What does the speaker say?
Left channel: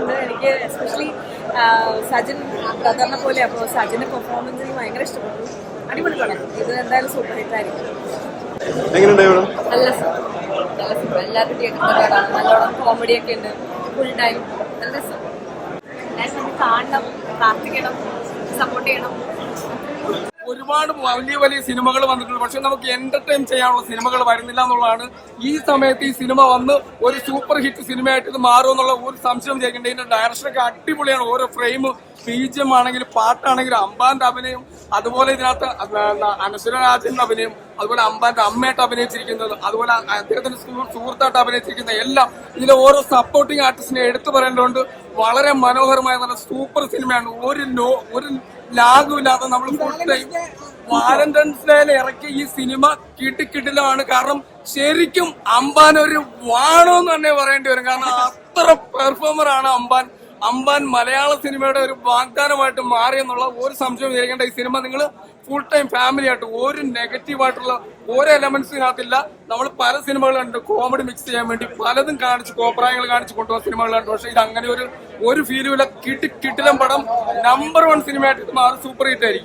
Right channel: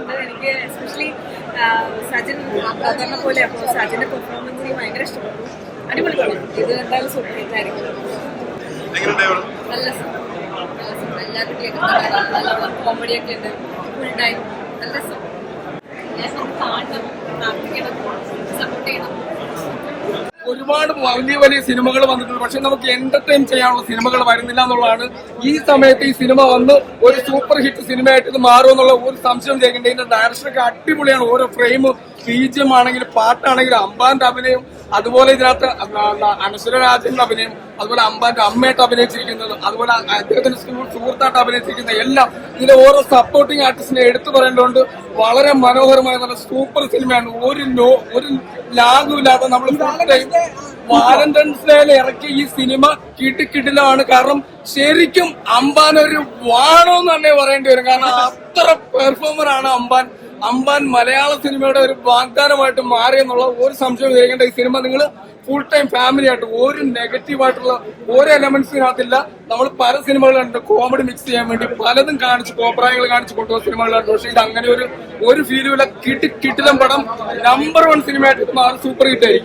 ഉണ്ട്. എനിക്ക് എസ്പെഷ്യലി സജിൻ ബ്രദറിനെ പോലെ, അപ്പോൾ സജിന്റെ പെർഫോമൻസ് എനിക്ക് ഭയങ്കര ഇഷ്ടപ്പെട്ടു. അടിപൊളി പടം. ഇത് എന്തായാലും സൂപ്പർ ഹിറ്റ് ആയിരിക്കും. നല്ല സുഖം, നല്ല സുഖം. എല്ലാവരും കേട്ടിട്ടുള്ള നല്ലോണം കോമഡിയൊക്കെ ഉണ്ട്. ഫുൾ ടൈം നല്ല രസം. നമ്മൾ കാണണം, പ്രാർത്ഥിക്കണം, സപ്പോർട്ട് ചെയ്യണം. ഒരുപാട് വലിയ വലിയ സിനിമകൾ വന്നിട്ടുണ്ട്, പക്ഷെ നമുക്ക് എന്റർടൈൻ ചെയ്യാനുള്ള സിനിമകൾ വരുന്നില്ല എന്നുള്ളതാണ്. ഈ സമയത്ത് ഈ സിനിമ വന്ന് ഒരു സൂപ്പർ ഹിറ്റ് സിനിമയായിട്ട് ഇത് മാറുമെന്നുള്ള ഒരു സംശയം കേൾക്കേണ്ട. ഇതിന്റെ ഡയറക്ഷനൊക്കെ അടിപൊളിയാണ്. ഓരോ ഫ്രെയിം, ബീജിയം ആണെങ്കിലും പാട്ടാണെങ്കിലും അമ്പാന്റെ അഭിനയം, അതുപോലെ ഇതിനകത്ത് അനശ്വര രാജന്റെ അഭിനയം, അതുപോലെ അമ്പാന്റെ അമ്മയായിട്ട് അഭിനയിച്ചിരിക്കുന്നത്, അതുപോലെ അദ്ദേഹത്തിന്റെ സുഹൃത്തായിട്ട് അഭിനയിച്ചിരിക്കുന്ന എല്ലാം ഇതിലെ ഓരോ സപ്പോർട്ടിംഗ് ആർട്ടിസ്റ്റിനെ എടുത്തു പറയേണ്ടതുകൊണ്ട് വളരെ മനോഹരമായ നല്ല സൂപ്പർ സിനിമയാണ്. ഒരു ലാഗുമില്ലാതെ നമ്മൾ ഫുൾ ടൈം വാലന്റൈൻസ് ഡേയിൽ ഇറക്കിയ ഈ സിനിമ കിട്ടിലാണ്. കാരണം ശരിക്കും അമ്പാൻ ഒരു വാണോന്ന് തന്നെ പറയേണ്ടി വരും. കാരണം അത്ര പെർഫോമർ ആണ് അമ്പാൻ മലയാള സിനിമയുടെ ഒരു വാഗ്ദാനമായിട്ട് മാറിയെന്നുള്ള ഒരു സംശയം കേൾക്കേണ്ട. ഈ സിനിമ നിങ്ങൾ ഫുൾ ടൈം ഫാമിലി ആയിട്ട് ഒരു നെഗറ്റീവായിട്ടുള്ള ഓരോ എലമെന്റ്സിനകത്തില്ല. നമ്മൾ പല സിനിമകളുണ്ട് കോമഡി മിക്സ് ചെയ്യാൻ വേണ്ടി പലതും കാണിച്ച് കോപ്രായങ്ങൾ കാണിച്ച് കൊണ്ടുപോകുന്ന സിനിമകളുണ്ട്. പക്ഷെ ഇത് അങ്ങനെ ഒരു ഫീലുമില്ല. കിട്ടിലം പടം നമ്പർ 1 സിനിമയായിട്ട് മാറി സൂപ്പർ ഹിറ്റ് ആയിരിക്കും.